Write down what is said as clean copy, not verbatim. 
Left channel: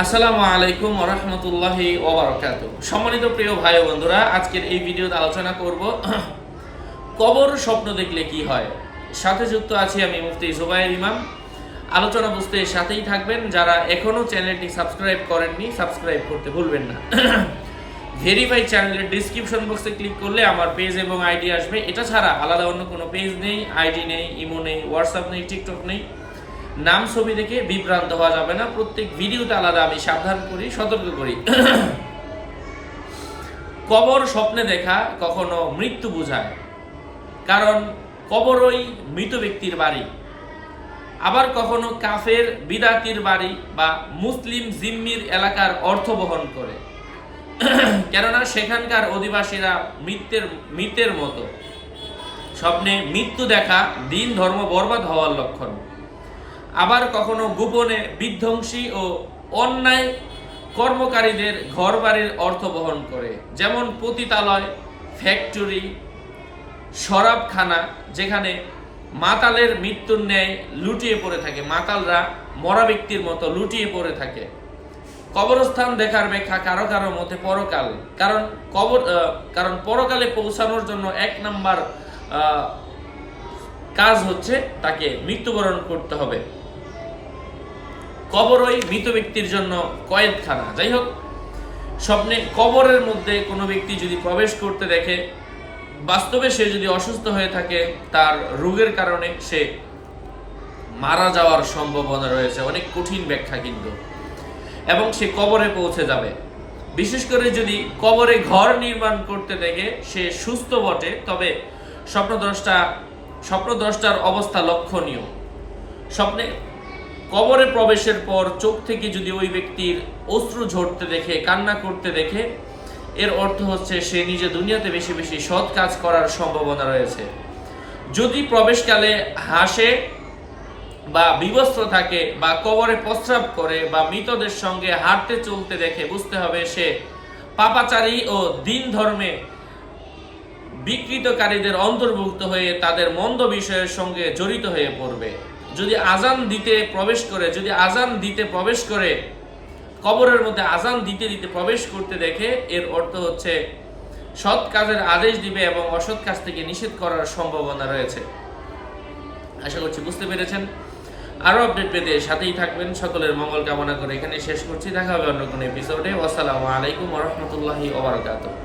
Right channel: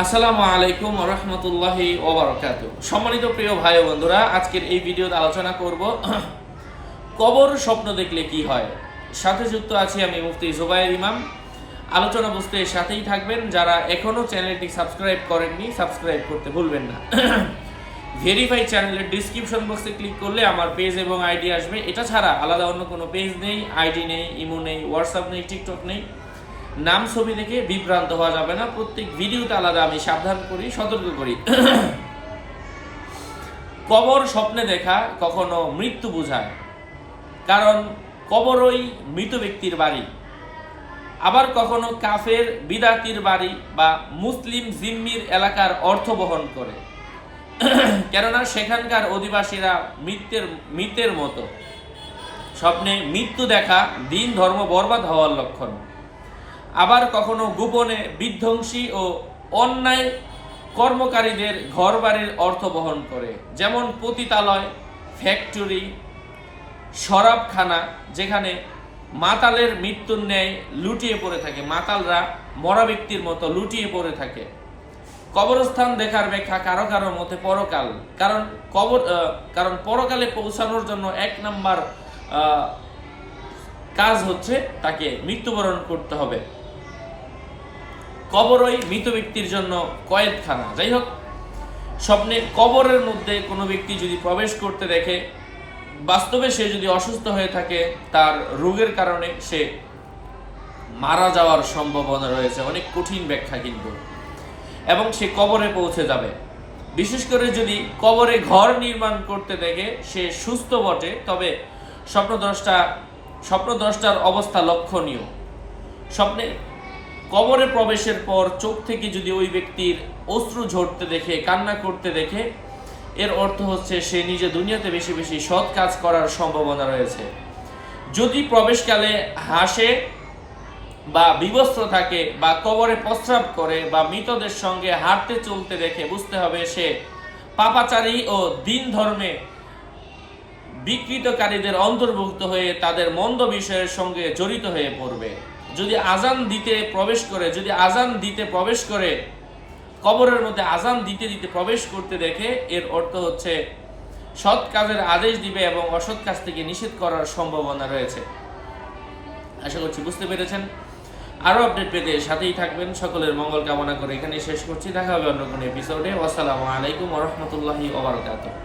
আসসালামু আলাইকুম ওয়া রাহমাতুল্লাহি ওয়া বারাকাতুহু। সম্মানিত প্রিয় ভাই ও বন্ধুরা, আজকের এই ভিডিওতে আলোচনা করব কবর স্বপ্ন দেখলে কি হয়। সাথে যুক্ত আছি আমি মুফতি জুবায়ের ইমাম। আলোচনা বুঝতে সাথেই থাকবেন। যারা এখনো চ্যানেলটি সাবস্ক্রাইব করেননি, সাবস্ক্রাইব করতে ভুলবেন না। ভেরিফাই চ্যানেলের ডেসক্রিপশন বক্সে ক্লিক করলে আমার পেজ এবং আইডি আসবে। এটা ছাড়া আলাদা অন্য কোনো পেজ নেই, আইডি নেই, ইমো নেই, হোয়াটসঅ্যাপ নেই, টিকটক নেই। নাম ছবি দেখে বিভ্রান্ত হওয়া যাবে না। প্রত্যেক ভিডিওতে আলাদা আমি সাবধান করি, সতর্ক করি। কবর স্বপ্নে দেখা কখনো মৃত্যু বোঝায়, কারণ কবরই মৃত ব্যক্তির বাড়ি। আবার কখনো কাফের বিদাতির বাড়ি বা মুসলিম জিম্মির এলাকার অর্থ বহন করে, কেননা সেখানকার অধিবাসীরা মৃতের মতো। স্বপ্নে মৃত্যু দেখা দিন ধর্ম বরবাদ হওয়ার লক্ষণ। আবার কখনো গোপনে বিধ্বংসী ও অন্যায় কর্মকারীদের ঘরবাড়ির অর্থ বহন করে, যেমন পতিতালয়, ফ্যাক্টরি, শরাবখানা, যেখানে মাতালের মৃত্যুর ন্যায় লুটিয়ে পড়ে থাকে। মাতালরা মরা ব্যক্তির মতো লুটিয়ে পড়ে থাকে। কবরস্থান দেখার ব্যাখ্যা কারো কারো মতে পরকাল, কারণ পরকালে পৌঁছানোর জন্য 1 নাম্বার কাজ হচ্ছে তাকে মৃত্যুবরণ করতে হবে। কবরই মৃত ব্যক্তির জন্য কয়েদখানা। যাই হোক, স্বপ্নে কবরের মধ্যে কোনো ব্যক্তি যদি প্রবেশ করতে দেখে, বাস্তবে সে যদি অসুস্থ হয়ে থাকে, তার রোগের কারণে সে মারা যাওয়ার সম্ভাবনা রয়েছে। অনেক কঠিন ব্যাখ্যা কিন্তু, এবং সে কবরে পৌঁছে যাবে। বিশেষ করে যদি কবরে ঘর নির্মাণ করতে দেখে সে সুস্থ বটে, তবে স্বপ্নদ্রষ্টার অবস্থা লক্ষণীয়। স্বপ্নে কবরে প্রবেশের পর চোখ থেকে যদি ওই ব্যক্তির অশ্রু ঝরতে দেখে, কান্না করতে দেখে, এর অর্থ হচ্ছে সে নিজে দুনিয়াতে বেশি বেশি সৎ কাজ করার সম্ভাবনা রয়েছে। যদি প্রবেশকালে হাসে বা বিবস্ত্র থাকে বা কবরে প্রস্রাব করে বা মৃতদের সঙ্গে হাঁটতে চলতে দেখে, বুঝতে হবে সে পাপাচারী ও দিন ধর্মে বিকৃতকারীদের অন্তর্ভুক্ত হয়ে তাদের মন্দ বিষয়ের সঙ্গে জড়িত হয়ে পড়বে। যদি আজান দিতে প্রবেশ করে কবরের মধ্যে আজান দিতে প্রবেশ করতে দেখে, এর অর্থ হচ্ছে সৎ কাজের আদেশ দিবে এবং অসৎ কাজ থেকে নিষেধ করার সম্ভাবনা রয়েছে। আশা করছি বুঝতে পেরেছেন। আরো আপডেট পেতে সাথেই থাকবেন। সকলের মঙ্গল কামনা করে এখানে শেষ করছি। দেখা হবে অন্য কোনো এপিসোডে। আসসালামু আলাইকুম ওয়া রাহমাতুল্লাহি ওয়া বারাকাতুহু।